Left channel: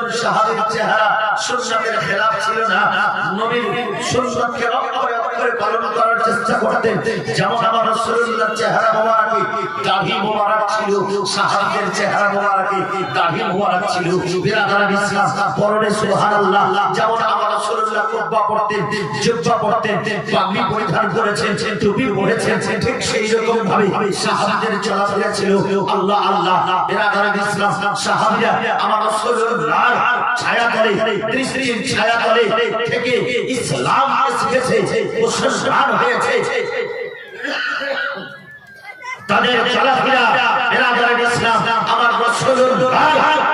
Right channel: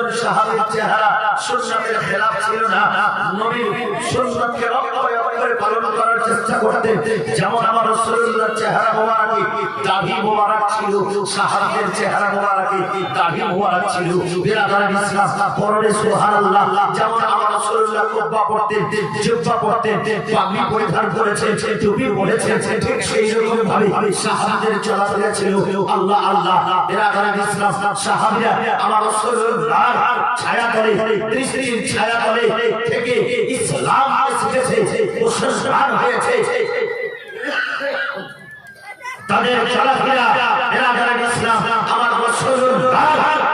একজন সাহাবীর চেহারা সুন্নাতের খেলাফ ছিল না, নবীর সুন্নাতকে অক্ষরে অক্ষরে পালন করার চেষ্টা করতেন। যেমন আমার রাসূলুল্লাহর চেহারা মোবারকে দাড়ি মোবারক ছিল, সাহাবীদের চেহারা মোবারকে দাড়ি মোবারক ছিল। বিরাদার ইসলাম পরনে সুবহানাল্লাহ। যেমন আমার রাসূলুল্লাহ কুব্বা পরতেন, জিব্বা পরতেন, পাগড়ি পরিধান করেছেন, টুপি পরেছেন, ঠিক সেই রকম ভাবে সাহাবীদের চলাফেরা ছিল। আল্লাহ আল্লাহ। বিরাদার ইসলাম সাহাবীরা আমার রাসূলুল্লাহ ছায়া তলে, দৃষ্টির ছায়া তলে থেকে ইসলাম শিখেছে, মুসলমান হয়েছে। তাদের চলাফেরা বিরাদার ইসলাম আমার রাসূলুল্লাহ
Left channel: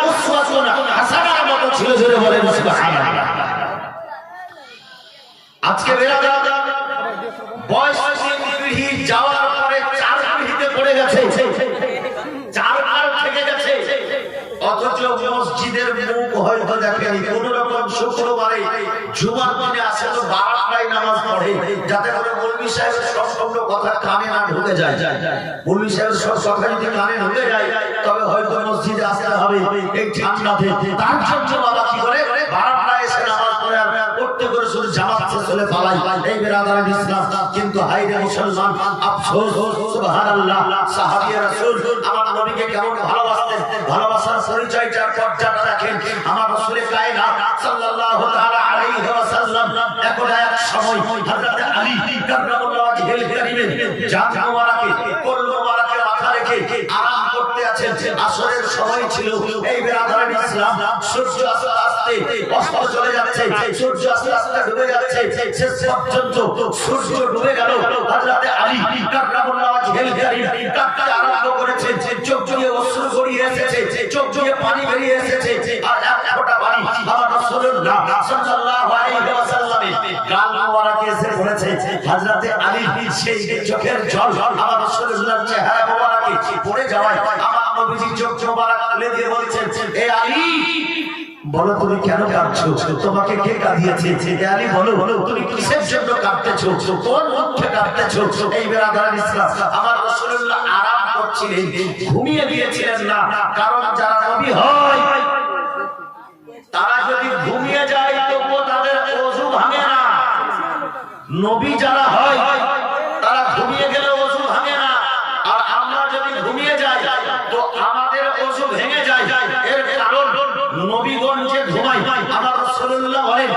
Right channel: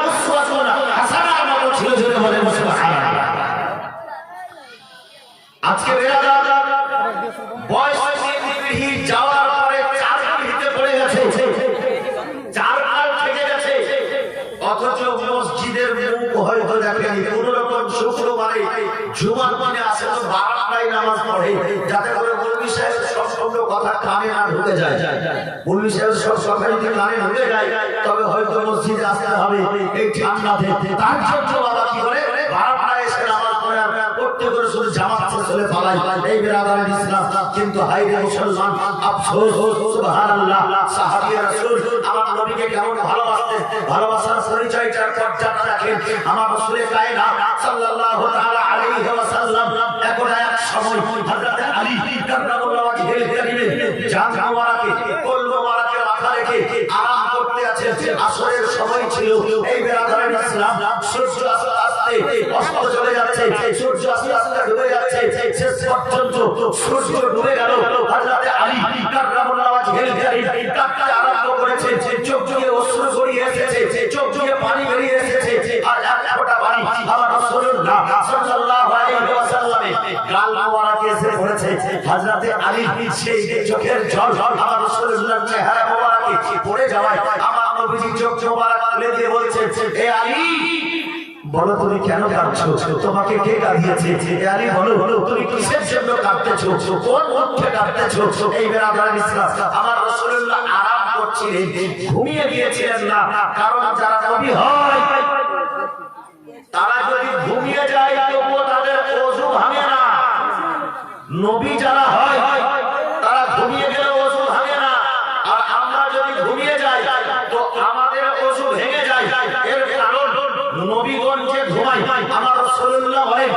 উসওয়াতুন হাসানার মতো ছিল। জোরে বলেন সুবহানাল্লাহ। আজকে বিরাদার বয়স পিঢ়ি যাওয়ার পরে চার পিঢ়িতে পড়ে গেছে, চারবার থেকে গেছে, অথচ মসজিদের মুখ হয়তো দেখেনি। কোন রকম শুক্রবারে জুমার দিনে আসে তো বারান্দায় নামাজ পড়ে, যাতে করে মৌলভী সাহেবের সব কথা কানে না ঢুকে যায়। মৌলভী সাহেবের সব কথা যদি কানে ঢুকে যায় তবে হয়তো মসজিদে আসতে হবে এই ঠান্ডাতে। তার জন্য বাবা কি করে বারান্দায় এসে নামাজ পড়ে আর করতে করে শুধু জামাত চলে পালায়। এই বিরাদার ইসলাম। কিন্তু হায়রে মুসলমান, আফসোস, সুবহানাল্লাহ, সাহাবী রাসূল আমার নবীকে কেমন ভালোবাসতেন, ভালোবাসার পরিচয়টার পর্যায়টা দেখেন। আমার রাসূল কায়নাত সাল্লাল্লাহু তাআলা আলাইহি ওয়াসাল্লাম এক সময় হযরত আলী কাররামাল্লাহু ওয়াজহুল কারীমের জান মোবারকে কোল মোবারকে মাথা রেখে আরাম করতে আছেন। আসরের সময় ছিল। এই বিরাদার ইসলাম সূর্য আস্তে আস্তে অস্ত চলে যাচ্ছে, সূর্য আস্তে আস্তে ডুবে যাচ্ছে। শেষ পর্যন্ত সূর্য ডুবে গেল। হযরত আলী কাররামাল্লাহু ওয়াজহুল কারীম কাঁদতে আরম্ভ করেছে। চোখ দিয়ে অশ্রু গড়িয়ে এসেছে, চোখ দিয়ে পানি বেরিয়ে এসেছে। আর এক ফোঁটা পানি আমার রাসূলুল্লাহ সাল্লাল্লাহু আলাইহি ওয়াসাল্লামের গাল মোবারকে এসে পড়েছে। হযরত আলী সেই চোখের জল আমার রাসূলুল্লাহর চেহারা মোবারকে পড়ে যাওয়ায় আমার নবীজি চোখ মোবারক তুলে দিয়ে বলছেন, হে আলী, বলো তুমি কেন কাঁদছো? তোমাকে কে কাঁদিয়েছে? হে আলী, বলো তুমি কিসের জন্য কাঁদতেছো? কোন মুখে কাঁদতেছো? এই বিরাদার ইসলাম আমার রাসূলুল্লাহ আরাম করছিলেন, ঘুমিয়ে গিয়েছিলেন না। কারণ যারা নবী হয় তারা যদি ঘুমিয়ে যায় তবুও তাদের ওযু ভাঙে না। নবী যারা হয় তারা ঘুমিয়ে গেলে ওযু ভাঙে না। আর আমরা যদি ঘুমিয়ে যাই তো আমাদের ওযু ভেঙে যায়। এর কারণ নবীগণ যে ঘুমায়, আমার রাসূলুল্লাহ বলেন,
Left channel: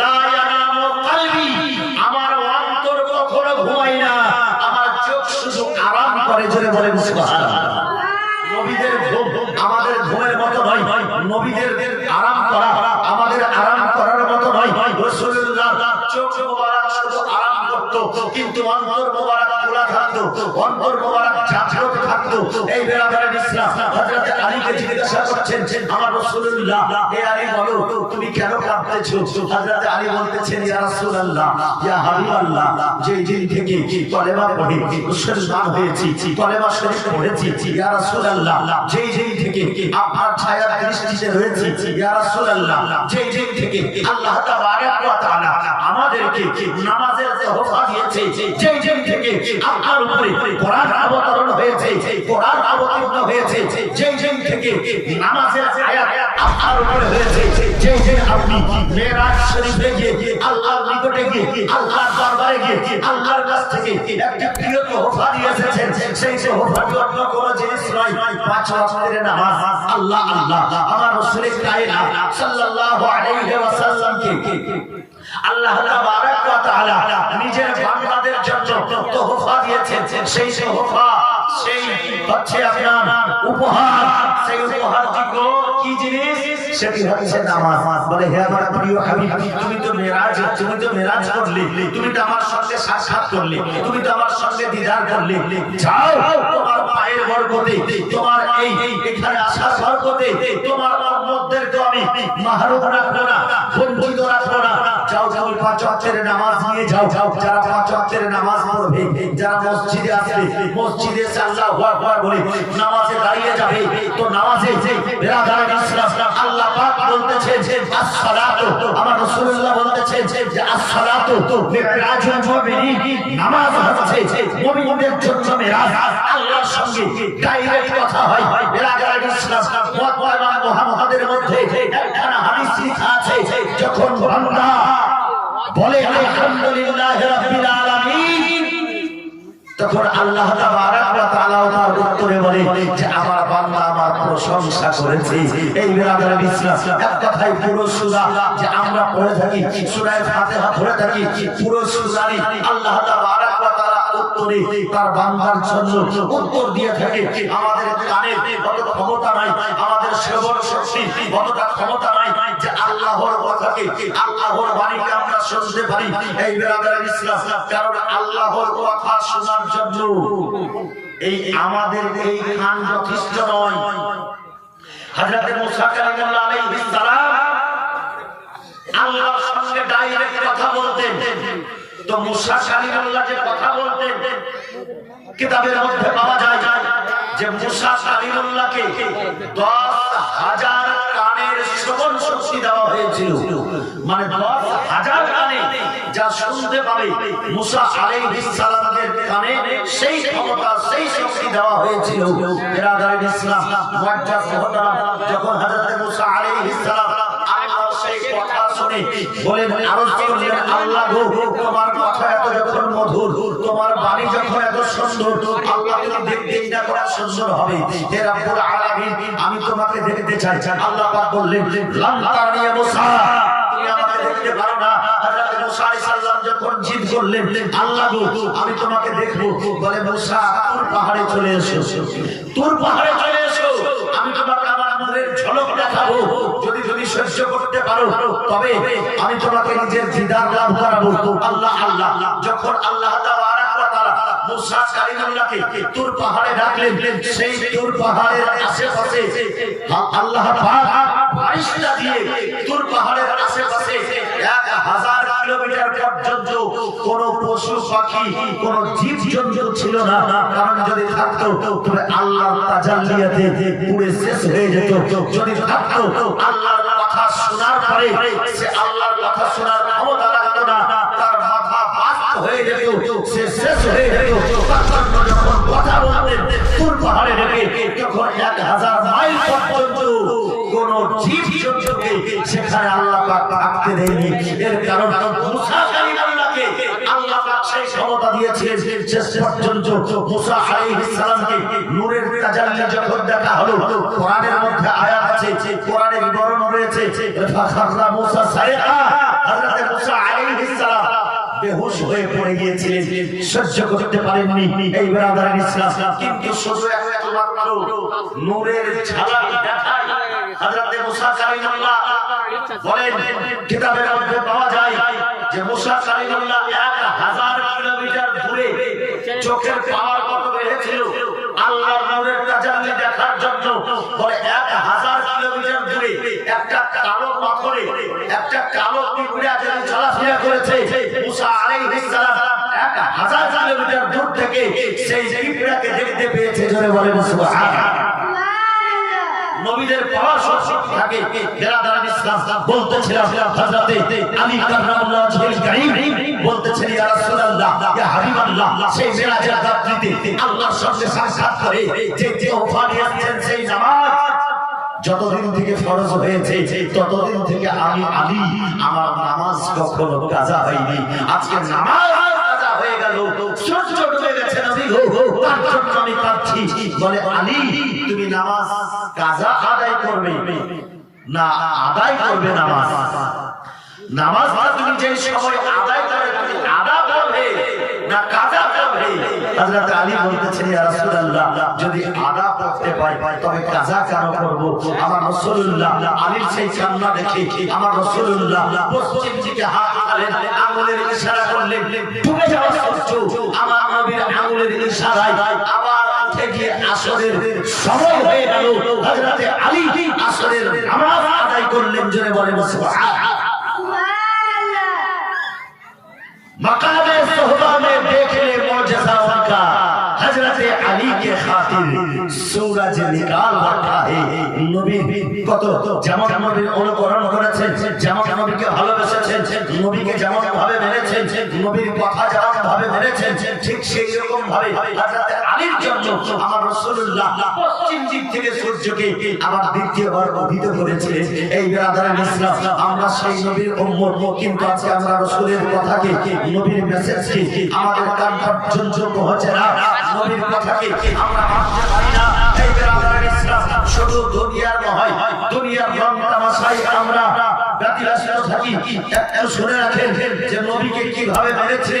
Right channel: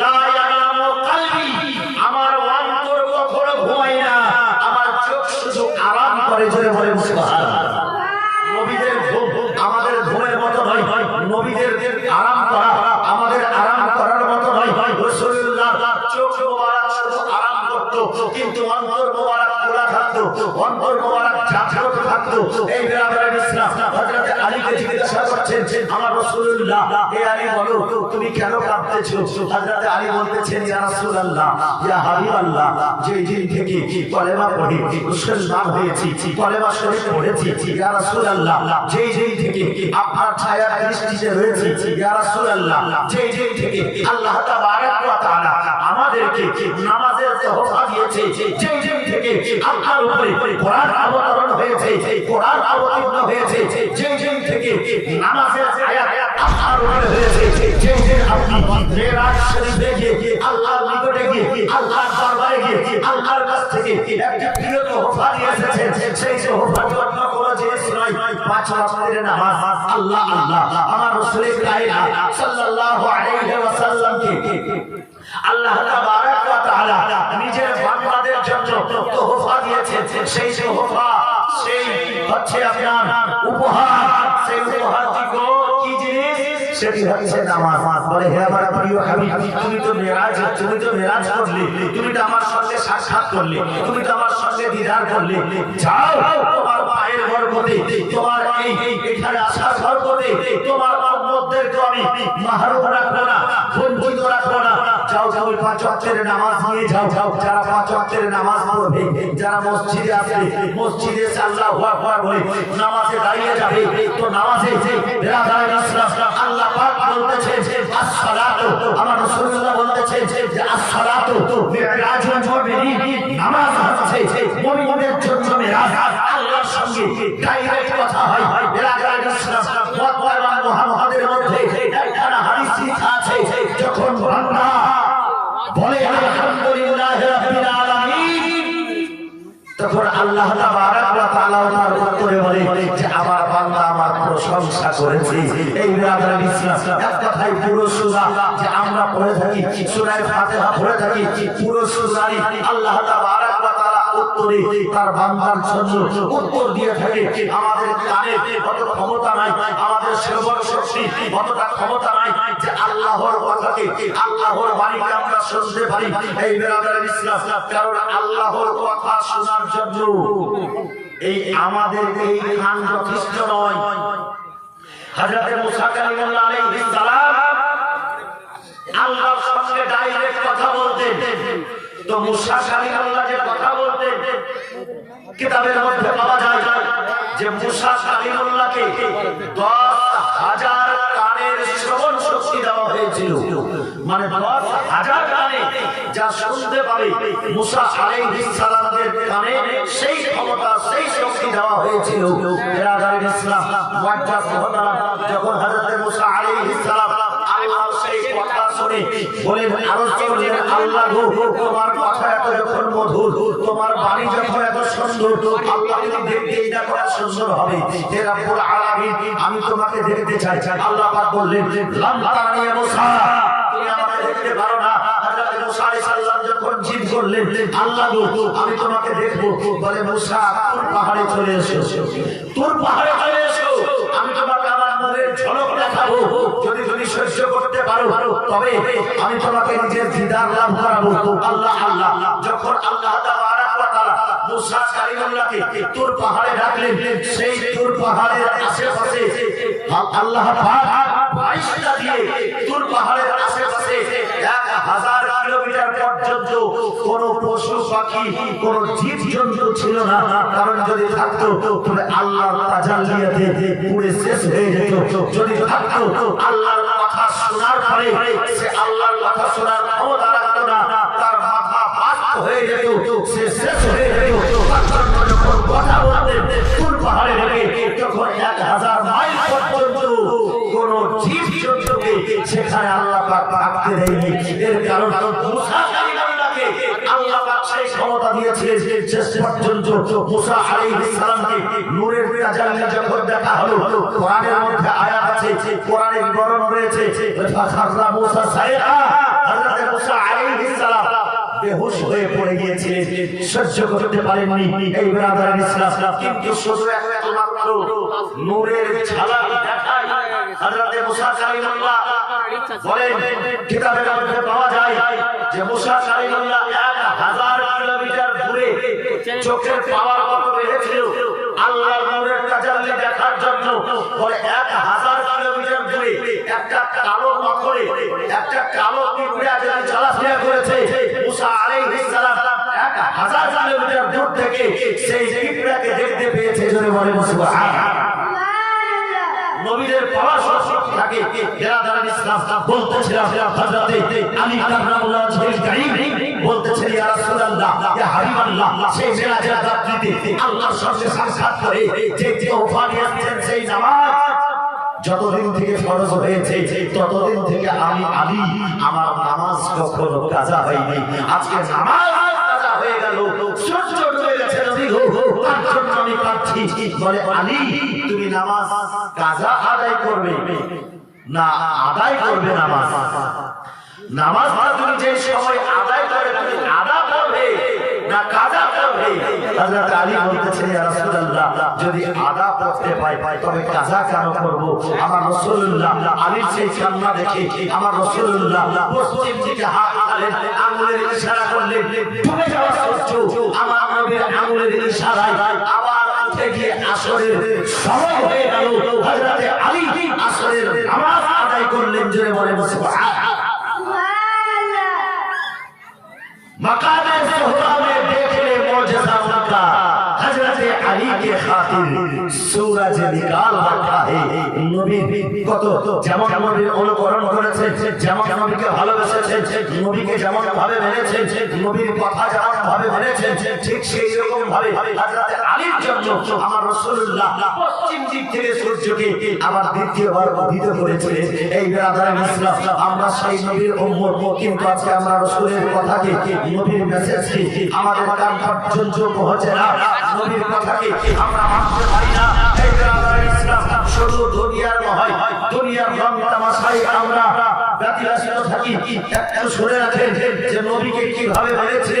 লা ইয়ানামু কলবি, আমার অন্তর কখনো ঘুমায় না, আমার চোখ শুধু আরাম করে। জোরে বলেন সুবহানাল্লাহ। নবীদের ঘুম আমাদের ঘুমের মতো নয়, নবীদের আরাম করা আমাদের আরাম করার মতো নয়। রাসূলুল্লাহ চোখ মোবারক শুধু আরাম করতো, কিন্তু অন্তর মোবারক খোলা থাকতো, অন্তর মোবারক জাগ্রত থাকতো। এই বিরাদার ইসলাম হযরত আলীকে জিজ্ঞাসা করছেন, আমার রাসূলুল্লাহ, হে আলী, বলো তুমি কেন কাঁদতেছো? হযরত আলী বলতেছেন, ইয়া রাসূলুল্লাহ, ইয়া হাবিবাল্লাহ, যে দিন থেকে কলেমা পড়ে মুসলমান হয়েছি, কলেমা শরীফ পড়েছি, ইয়া রাসূলুল্লাহ, যে দিন থেকে আপনার ছায়া দৃষ্টিতে রয়েছে, ইয়া রাসূলুল্লাহ, যে দিন থেকে আল্লাহ তাবারক ওয়া তাআলা আমাদেরকে নামাজের তোহফা দিয়েছে, যে দিন থেকে আপনার উপরে কোরআন অবতরণ হয়েছে, কোরআন অবতীর্ণ হয়েছে, যে দিন থেকে নামাজের আয়াত আপনার উপরে হয়েছে, যে দিন আপনি মেরাজ শরীফে গিয়ে আল্লাহর নিকটে গিয়ে আল্লাহর দরবারে গিয়ে আল্লাহর কাছ থেকে একটি প্রিয় তোহফা নিয়ে এসেছেন, সেই তোহফাটি অন্য কোনো জিনিস নয়, 5 ওয়াক্তের নামাজ। আল্লাহ আল্লাহ, আমার রাসূল কায়নাত সাল্লাল্লাহু আলাইহি ওয়াসাল্লামকে আল্লাহ তাবারক ওয়া তাআলা নিজের বান্দাদের জন্য তোহফা দিয়েছেন। সেই তোহফা, সেই হচ্ছে আপনার উপহার। সেই উপহারটি কি জিনিস? সেটি হচ্ছে নামাজ। বলে, হে আমার প্রিয় হাবিব, তুমি তো মেরাজ করলে, তুমি তো আমার সঙ্গে সাক্ষাৎ করলে, তুমি তো আমার সঙ্গে দিদার করলে, যাও তোমার পায়ের বরকতে, তোমার এই এখানে আসার বরকতে, তোমার উম্মতদেরকে আমি মাহরুম রাখবো না, বঞ্চিত রাখবো না। যাও 5 ওয়াক্তের নামাজ নিয়ে যাও। যারা 5 ওয়াক্তের নামাজ পড়বে, যারা মসজিদে আসবে, মসজিদে এসে আল্লাহু আকবার বলে নামাজে দাঁড়িয়ে যাবে, তো নামাজে বিরাদার ইসলাম আল্লাহ পাক বলতেছেন আসসালাতু, আমার রাসূলুল্লাহ বলতেছেন যে আসসালাতু মিরাজুল মুমিনিন, নামাজ হচ্ছে মুমিনদের জন্য মিরাজ। আল্লাহর সঙ্গে ডাইরেক্ট কথা হয়। বিরাদার ইসলাম মুহাম্মাদের মধ্যে একখানা নকশা করেছে। এই বেরাদার ইসলাম এক কথায় পুরো সূরা যে আমরা পড়ে থাকি, সূরা ফাতিহা পড়ে থাকি, পুরো সূরাই আল্লাহ তাবারক ওয়া তাআলা উত্তরে তার বান্দার জন্য উত্তর দিয়ে থাকে। আমাদের কানে কত ক্ষমতা নাই, আমাদের শ্রবণ শক্তি কতটা ক্ষমতা নাই যে আল্লাহর কথাকে, আল্লাহর বাণীকে আমরা শুনতে পারি। এই বেরাদার ইসলাম, কারণ আল্লাহর কথা শোনার জন্য এই আমাদের এই কান যথেষ্ট নয়। হযরত মুসা কালিমুল্লাহ আলাইহিস সালাম আল্লাহর সঙ্গে ডাইরেক্ট কথা বলতেন। তো মুসা কালিমুল্লাহ যে কথা বলতেন, কিতাবের মধ্যে পাওয়া যায় যে মুসা কালিমুল্লাহকে 10,000 কানের শ্রবণ শক্তি দেওয়া হয়েছিল। মানে 10,000 কানে যা শুনতে পাবে মুসা আলাইহিস সালামের কানে সেই ক্ষমতা, সেই শক্তি দেওয়া হয়েছিল। বেরাদার ইসলাম, মুআজ্জাজ মুহতারাম, যখন হযরত মুসা আলাইহিস সালাম আল্লাহর সেই কথা শুনে বলেন, আরজ করলেন, আল্লাহ গো, তোমার কথা এত যখন মধুর, তোমার বাণী যখন এত সুন্দর, আল্লাহ তুমি দেখতেই না কত সুন্দর হবে। হে রব্বুল আলামিন, আমি তোমাকে দেখতে চাই। আল্লাহ পাক বললেন, লাম তারানি ইয়া মুসা, তুমি আমাকে দেখতে পারো না। হযরত মুসা আলাইহিস সালাম যখন জিদ করলেন, আল্লাহ গো, আমি তোমাকে দেখবো, বলে মুসা তুর পাহাড়ে চলে এসো, তুর পাহাড়ে চলে এসো, আমি তোমাকে আমার নূরের ঝলক দেখাবো। যদি তুমি সহ্য করতে পারো তবে আমি তোমাকে নিজের দিদার লাভ করাবো। আল্লাহ আল্লাহ, যখন আল্লাহ তাবারক ওয়া তাআলা মুসা কালিমুল্লাহকে তুর পাহাড়ে ডাকলেন, সেই তুর পাহাড়ের আশেপাশে আল্লাহ পাক ফারিস্তা দিয়ে তুর পাহাড়ের আশেপাশে 1000 কিলোমিটার পর্যন্ত কোন পশু পাখি, কোন জীব জন্তু ছিল না। কারণ যদি থাকতো তবে আল্লাহর তাজাল্লিয়াতে পুরো শেষ হয়ে যেত। যদি থাকতো আল্লাহর কথা শোনার পরে সে আল্লাহর কথা শোনার ক্ষমতা রাখতো না, তার মাথা বাস্ত হয়ে যেত, সে শেষ হয়ে যেত। যখন কথা বলতেন তুর পাহাড়ে রেখে, যখন 1000 মাইল পর্যন্ত কোন জীব জন্তুকে সেখানে আল্লাহ পাক থাকতে দেয়নি। এর কারণ মুসা কালিমুল্লাহকে আল্লাহ পাক সেই ক্ষমতা দিয়েছিলেন। শেষ পর্যন্ত মুসা আলাইহিস সালামকে নূরের তাজাল্লি যখন দেখা হলো, কোরআনের মধ্যে আয়াত আছে, কোরআনে বিবরণ রয়েছে, ফাখাররা মুসা সাইকা, হযরত মুসা আলাইহিস সালাম বেহুশ হয়ে পড়ে গিয়েছিলেন, সহ্য করতে পারেননি। এই বেরাদার ইসলাম, কিন্তু শুধু একটা মাত্র নূরের ঝলক দেখায় হযরত মুসা কালিমুল্লাহ বলেন, কিতাবের মধ্যে পাওয়া যায় যে মুসা কালিমুল্লাহ 1000 কিলোমিটার দূরে চোখের পাওয়ার কত বেড়েছিল আল্লাহর নূরের তাজাল্লি দেখার জন্য। বলে 1000 কিলোমিটার দূরে একটা কালো পাথরে একটা কালো পিঁপড়া যেন চলাফেরা করেছে, মুসা আলাইহিস সালাম 1000 কিলোমিটার দূর থেকে সেই পিঁপড়াকে দেখতে পেয়েছে। জোরে বলেন সুবহানাল্লাহ। নবীদের পাওয়ার শক্তি থাকে। বেরাদার ইসলাম, বলতেছিলাম হযরত আলী কাররামুল্লাহ ওয়াজহুল কারীম বলতেছেন, ইয়া রাসূলুল্লাহ, ইয়া হাবিবাল্লাহ, সেই মেরাজের রাত্রিতে আল্লাহর সঙ্গে সাক্ষাৎ করে যে তোহফা নিয়েছেন, সেই নামাজ যতদিন থেকে ফরজ হয়েছে ততদিন থেকে আমি আলী আমার নামাজ কখনো কাজা হয়নি। আজকে নামাজ কাজা হয়ে গেল, সূর্য ডুবে গেছে, নবী গো, তার জন্য আমি কাঁদছি। বলে, আলী তুমি নামাজ কাজা আদায় করবে না আদায় করবে? নামাজ নামাজটা তুমি যে সময় আদায় করে তুমি আদা করবে না কাজা করবে? হযরত আলী বলতেছেন, ইয়া রাসূলুল্লাহ, যদি আদা করতে পাই তবে কাজা কেন করব? আমার রাসূলুল্লাহ আলীর সেই কান্না দেখে আমার রাসূলুল্লাহ পশ্চিম দিকে হাত উঠালেন, আঙ্গুলের ইশারা করলেন, ডুবে যাওয়া সূর্য আমার নবীর আঙ্গুলের ইশারায় আবার উঠে গিয়ে আসরের সময় হয়ে গেল। হযরত আলী আসরের নামাজ আদায় করলেন। জোরে বলেন সুবহানাল্লাহ। मकाम सोहबा में देख ले मौजज़ा उनका, हजरत अली के खातिर सूरज निकाल रखा है। नबी কত যেমন নবীর অনুকরণ করেছেন, যেমন নবীকে ভালোবেসেছেন, নবীকে যেমন ভাবে মেনেছেন, নবীর কথা যেমন ভাবে মেনেছেন, ঠিক সেই রকম ভাবে হযরত আলীর জন্য আমার রাসূলুল্লাহ পশ্চিম দিক থেকে সূর্যকে আবার দ্বিতীয়বার উদিত করেছিলেন। এই বেরাদার ইসলাম, আমরা সেই নবীর উম্মত, কিন্তু আজকে আমরা রাসূলের কথাকে, নবীর মেসেজকে আমাদের কান পর্যন্ত পৌঁছে না, নবীর কথাকে আমরা মানতে পারি না। এই বেরাদার ইসলাম, শুধু দুনিয়ার দুনিয়ার রং তামাশায় আমরা ব্যতিব্যস্ত থাকি। একটু শুনে রাখেন যে নবীকে কিভাবে মেনেছে।